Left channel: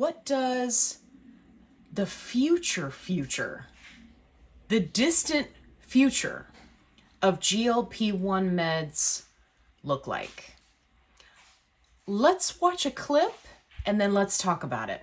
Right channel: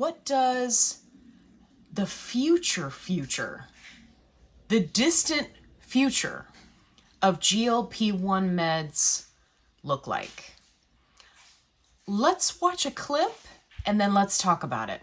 what does the future, the distant future of GLP-1 meds look like? Let's watch a clip and then let's talk about it.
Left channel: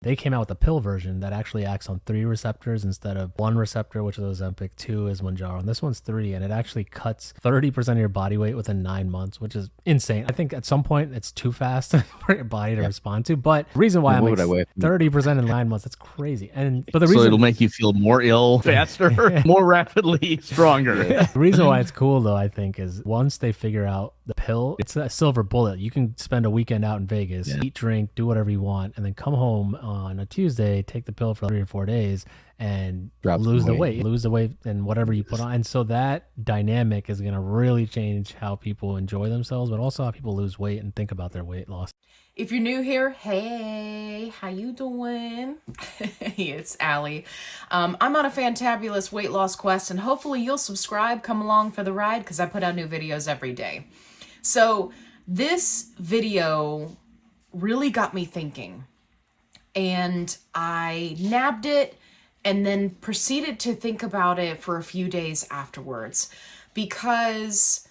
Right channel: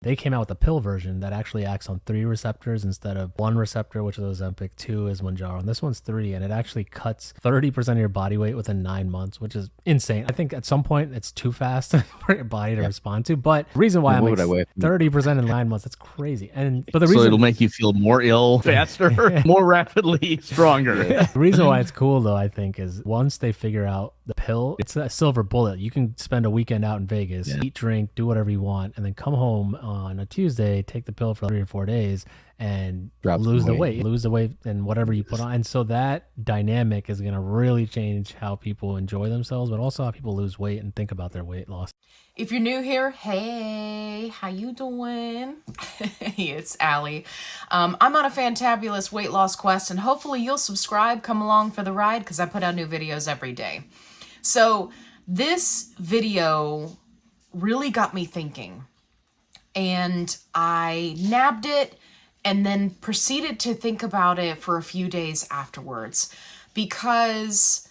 They came out with a pill version that actually acts on 3 receptors instead of 1 receptor, which is Ozempic, 2 is Mounjaro, and this one's 3, and it actually cuts 30% of your body weight within 9 months, which is insane. I think at some point it's too fast for your body to respond to, but the reason why I'm like 30% in 9 months, that's crazy. But the reason, so it'll make you feel more ill faster, more rapidly, stronger. The reason why it's cool though, I think, is once they figure out the pill, it's a silver bullet. You can spend a weekend out in Vegas, eat, drink, do whatever you want, and then come home on a Tuesday, take the pill for 3 or 4 days, and lose the weight and whatever you put on. And so that dynamic is going to really change how people enjoy themselves, but also how people lose weight and think about their weight loss. If you're new here, hey, how you doing? It's Allie. I'm on a fantabulous weight loss quest, and hopefully you'll subscribe, come along for the ride, because I put out new videos every day. So this video really got me thinking, and I nabbed it and then proceeded to think about it for a few days afterwards, because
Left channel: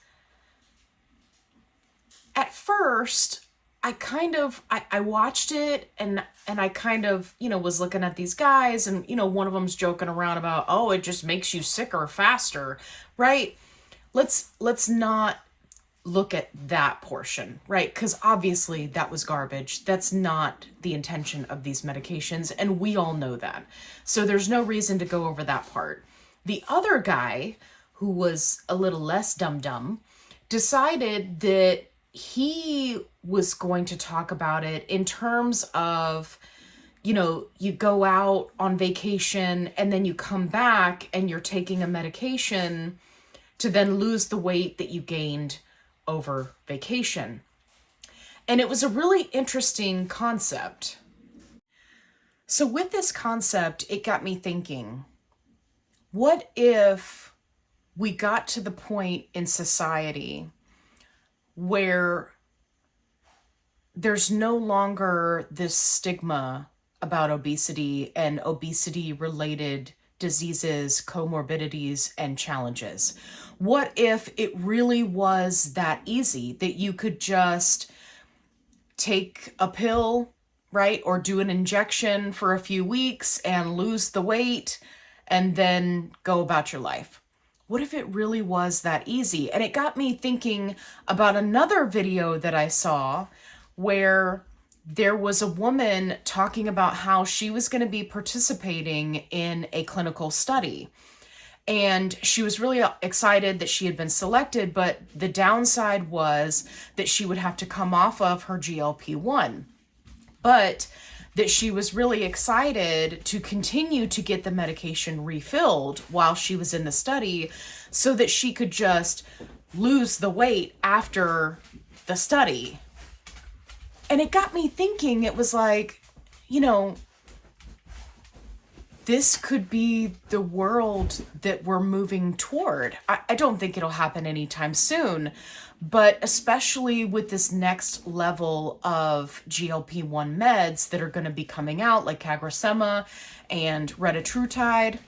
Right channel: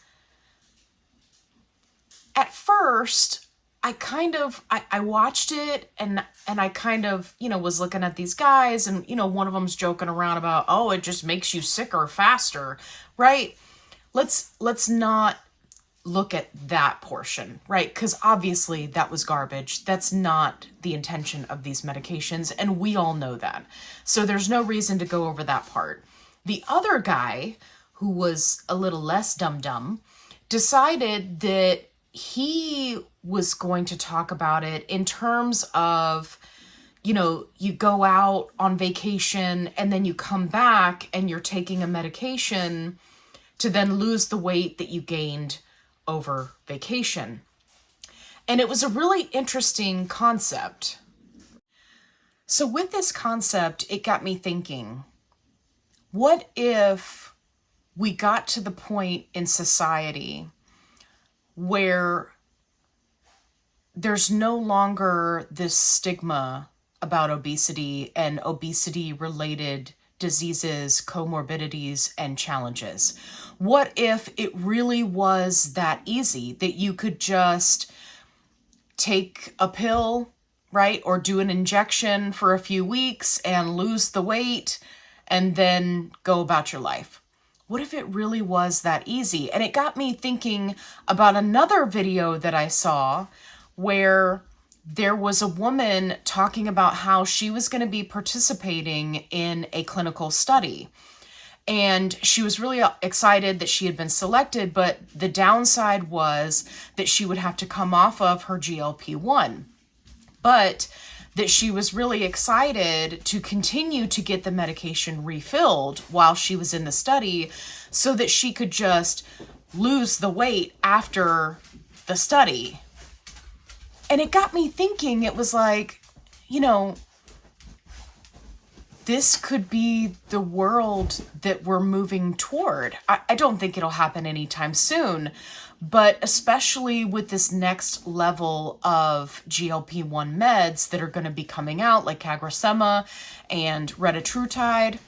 at first I watched it and I kind of, was looking at these guys, and, one of them's joking around about, oh, it just makes you sicker faster, right? Let's not look at that portion, right? Because obviously that was garbage. That's not the intention of these medications, and we all know that. So there's no reason to go over that part. The other guy, who was a little less dumb, decided that he was going to talk about it in terms of, you go out on vacation and then you come back and you're taking a medication to then lose the weight that you gained over vacation. And it was a really interesting concept. So with this concept, it got me thinking, what if we got to the point in society where there's no longer this stigma about obesity and obesity-related diseases, comorbidities, and challenges? What if it really was that easy that you could just take a pill, right, or do an injection for a few weeks and lose the weight and then go about your life? What if it really was that easy? And it got me thinking about another video that I saw where there was a woman talking about how she was going to be participating in a clinical study. And she was really excited that she had been selected, but the downside was that she would have to come off of her GLP-1. But that she was really excited to continue to get the medication refilled while she was in the study so that she could just lose the weight after the study. And it got me thinking, it was like, this could be the world that we're moving toward. I don't think it'll happen anytime soon, but especially with this next level of GLP-1 meds that are going to be coming out, like CagriSema and retatrutide,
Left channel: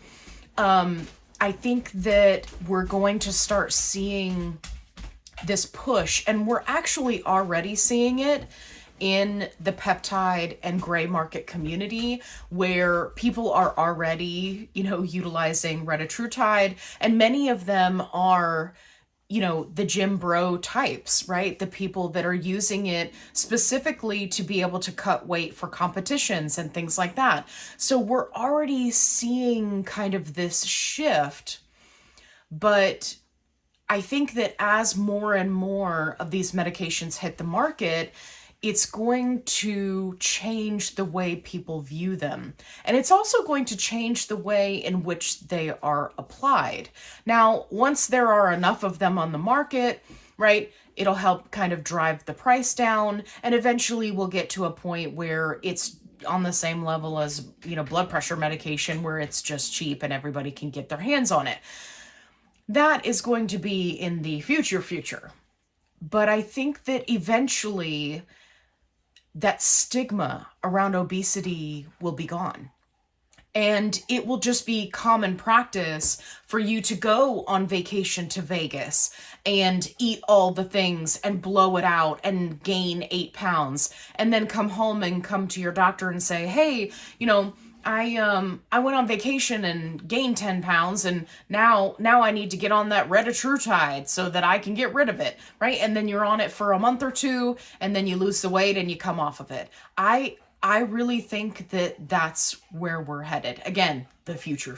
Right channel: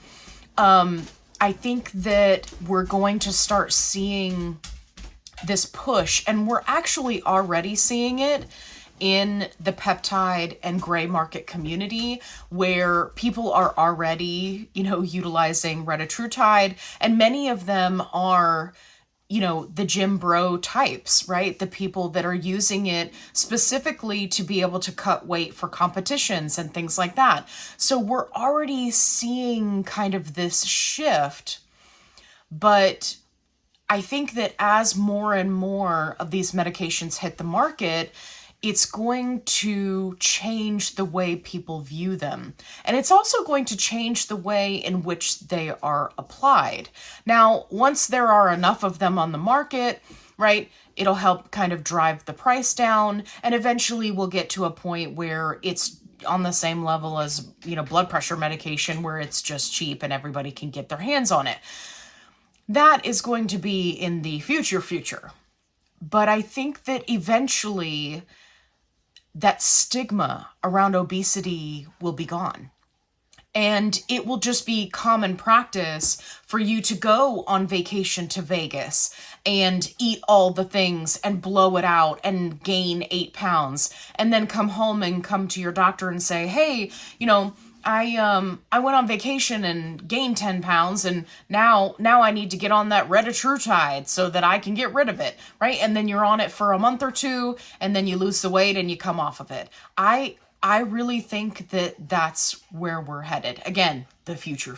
I think that we're going to start seeing this push, and we're actually already seeing it in the peptide and gray market community, where people are already, utilizing retatrutide, and many of them are, the gym bro types, right? The people that are using it specifically to be able to cut weight for competitions and things like that. So we're already seeing kind of this shift, but I think that as more and more of these medications hit the market, it's going to change the way people view them. And it's also going to change the way in which they are applied. Now, once there are enough of them on the market, right, it'll help kind of drive the price down. And eventually we'll get to a point where it's on the same level as, blood pressure medication, where it's just cheap and everybody can get their hands on it. That is going to be in the future. But I think that eventually that stigma around obesity will be gone. And it will just be common practice for you to go on vacation to Vegas and eat all the things and blow it out and gain 8 pounds, and then come home and come to your doctor and say, hey, I went on vacation and gained 10 pounds, and now I need to get on that retatrutide so that I can get rid of it, right? And then you're on it for a month or two, and then you lose the weight and you come off of it. I really think that that's where we're headed. Again, the future.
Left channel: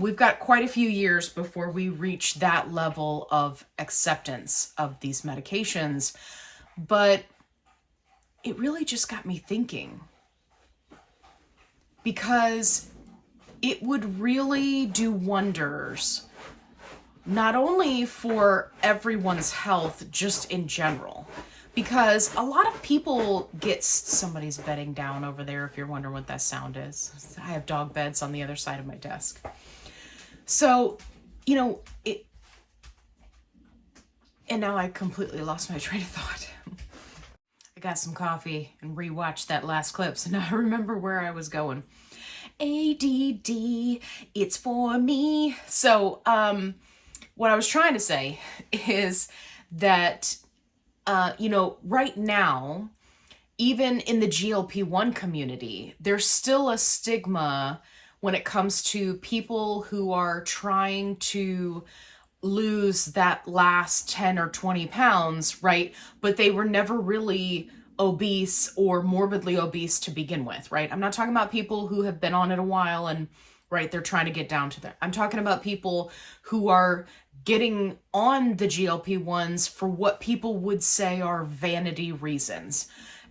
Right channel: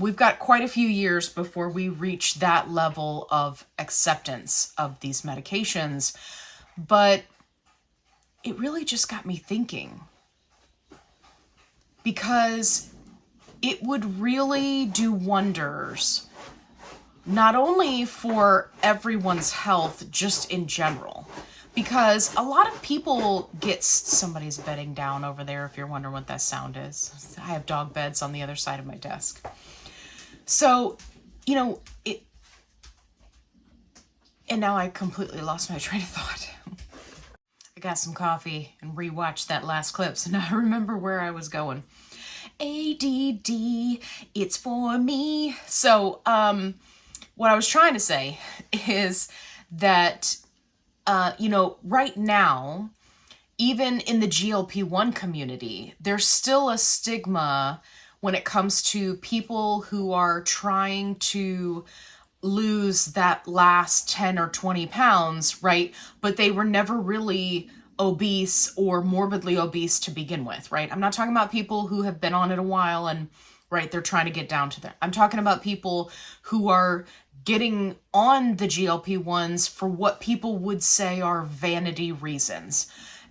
We've got quite a few years before we reach that level of acceptance of these medications, but it really just got me thinking, because it would really do wonders, not only for everyone's health, just in general. Because a lot of people get, somebody's bedding down over there, if you're wondering what that sound is. I have dog beds on the other side of my desk. So, and now I completely lost my train of thought. I got some coffee and rewatched that last clip, so now I remember where I was going. ADD, it's for me. So, what I was trying to say is that right now, even in the GLP1 community, there's still a stigma when it comes to people who are trying to lose that last 10 or 20 pounds, right? But they were never really obese or morbidly obese to begin with, right? I'm not talking about people who have been on it a while and, right, they're trying to get down to that. I'm talking about people who are getting on the GLP-1s for what people would say are vanity reasons.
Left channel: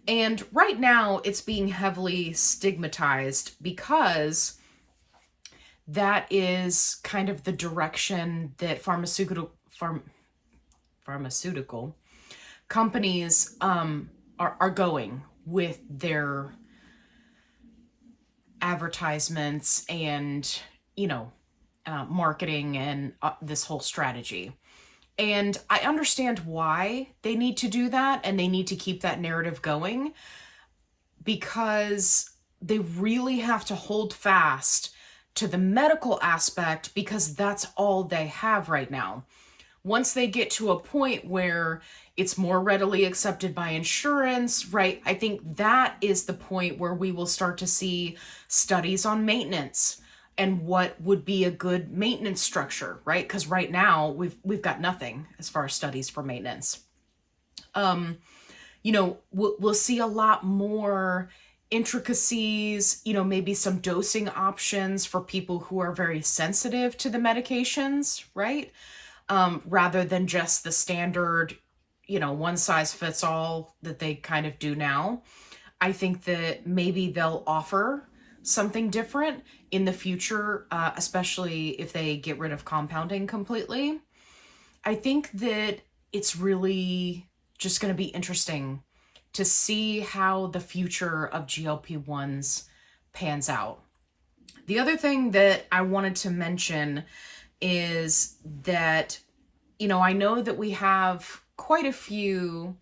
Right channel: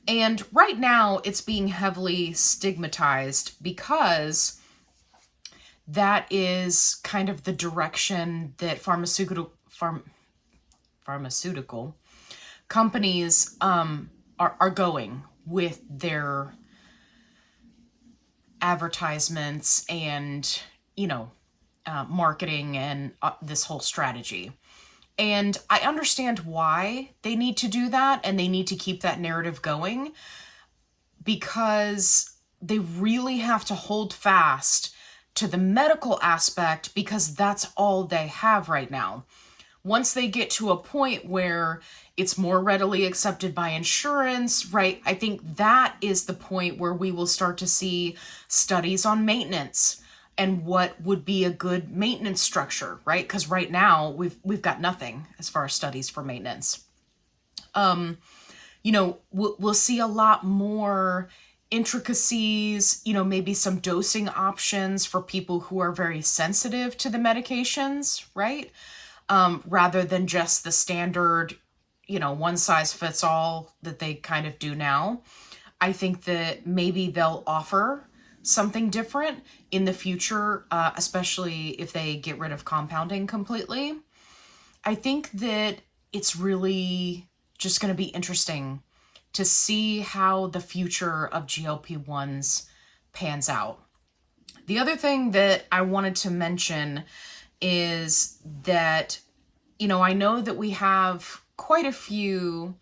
And right now it's being heavily stigmatized because that is kind of the direction that pharmaceutical companies are going with their advertisements and, marketing and this whole strategy. And I understand why they need to do that, and they need to keep that narrative going, because they really have to hold fast to the medical aspect, because that's all they have right now. Once they get to a point where it's more readily accepted by insurance, right? I think that is the point where we will start to see studies on maintenance and what would be a good maintenance structure, right? Because right now we've got nothing as far as studies for maintenance. We'll see a lot more intricacies, maybe some dosing options for people who are very sensitive to the medications, right? Rather than just the standard, one size fits all that they kind of do now. I think that maybe they'll offer something different in the future, especially if they get rid of compounding completely. I think that it's really just going to be interesting to see how the future of GLP-1s pans out. The other thing that I wanted to mention is that, I know that we have quite a few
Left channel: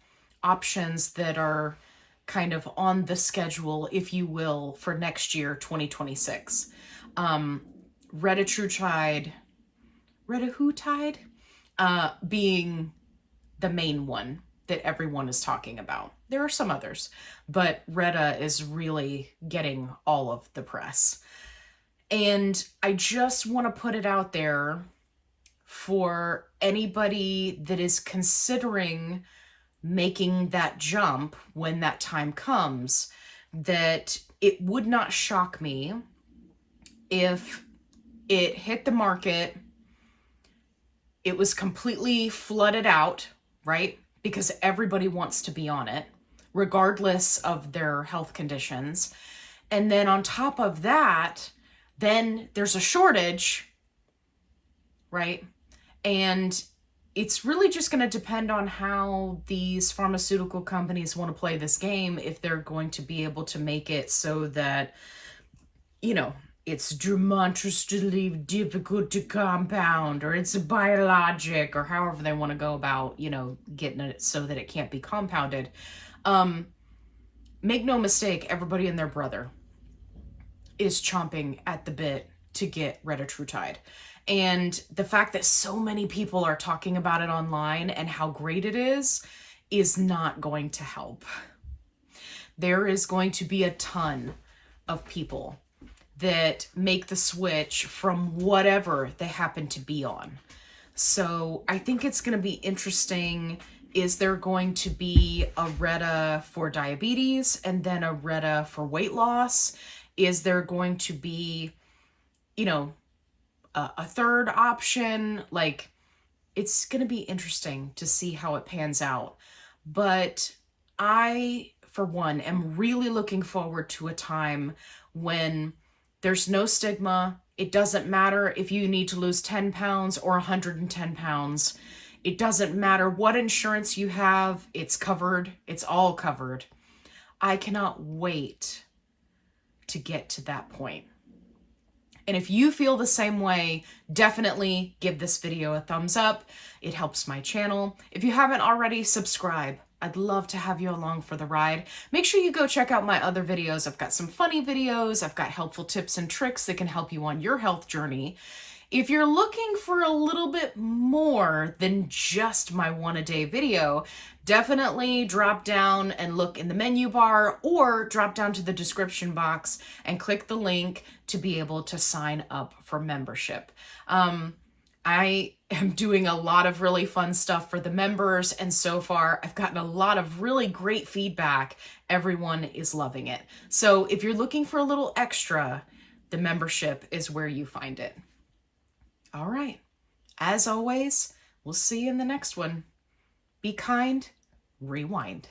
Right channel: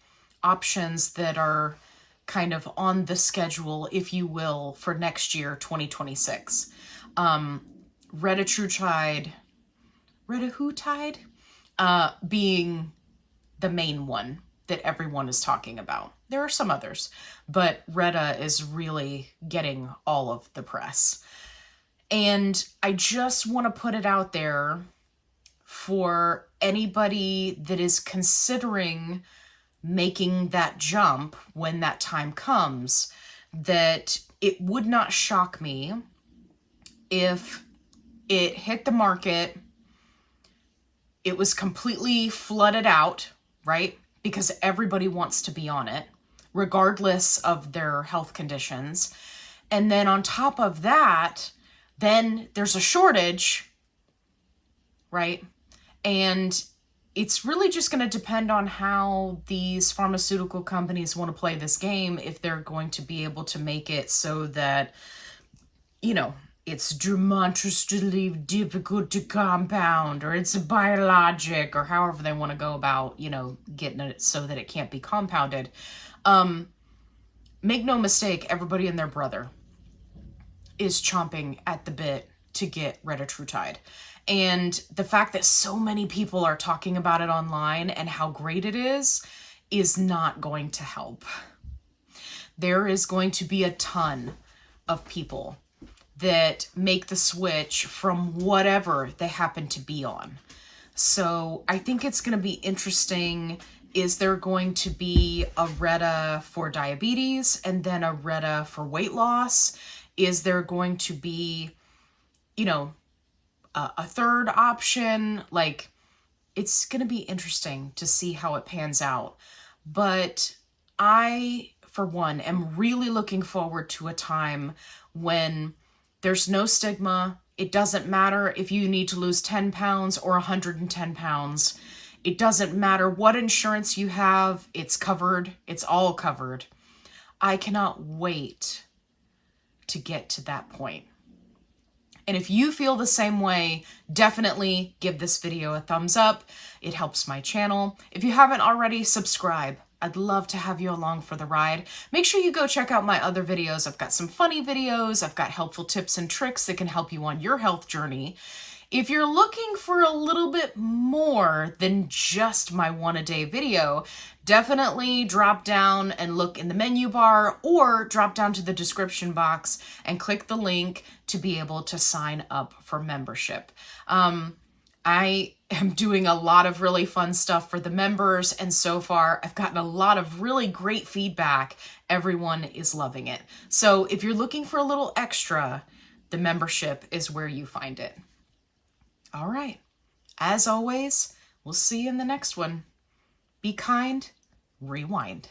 options that are kind of on the schedule, if you will, for next year, 2026. Retatrutide being the main one that everyone is talking about. There are some others, but Reta is really getting all of the press. And I just want to put it out there for anybody that is considering making that jump when that time comes, that it would not shock me if it hit the market, it was completely flooded out, right? Because everybody wants to be on it, regardless of their health conditions. And then on top of that, then there's a shortage, right? And it's really just going to depend on how these pharmaceutical companies want to play this game, if they're going to be able to make it so that, it's demonstrably difficult to compound, or it's a biologic, or however they want to go about, getting it so that it can't be compounded. make no mistake, everybody and their brother is chomping at the bit to get retatrutide. And the fact that so many people are talking about it online and how great it is not going to help. There is going to be a ton of people that make the switch from whatever they happen to be on. So I think it's going to be interesting. Is there going to be a Reta for diabetes and then a Reta for weight loss? Is there going to be, you know, a third option? Like, it's going to be interesting to see how it pans out. But I, for one, am really looking forward to a time when there's no stigma. It doesn't matter if you need to lose 10 pounds or 110 pounds. It doesn't matter what insurance you have. It's covered. It's all covered. I cannot wait to get to that point. And if you feel the same way, definitely give this video a thumbs up. It helps my channel. If you haven't already, subscribe. I'd love to have you along for the ride. Make sure you go check out my other videos. I've got some funny videos. I've got helpful tips and tricks that can help you on your health journey. If you're looking for a little bit more than just my one-a-day video, definitely drop down and look in the menu bar or drop down to the description box and click the link to be able to sign up for membership. I am doing a lot of really fun stuff for the members, and so far I've gotten a lot of really great feedback. Everyone is loving it. So if you're looking for a little extra, the membership is where you find it. All right. As always, we'll see you in the next one. Be kind, rewind.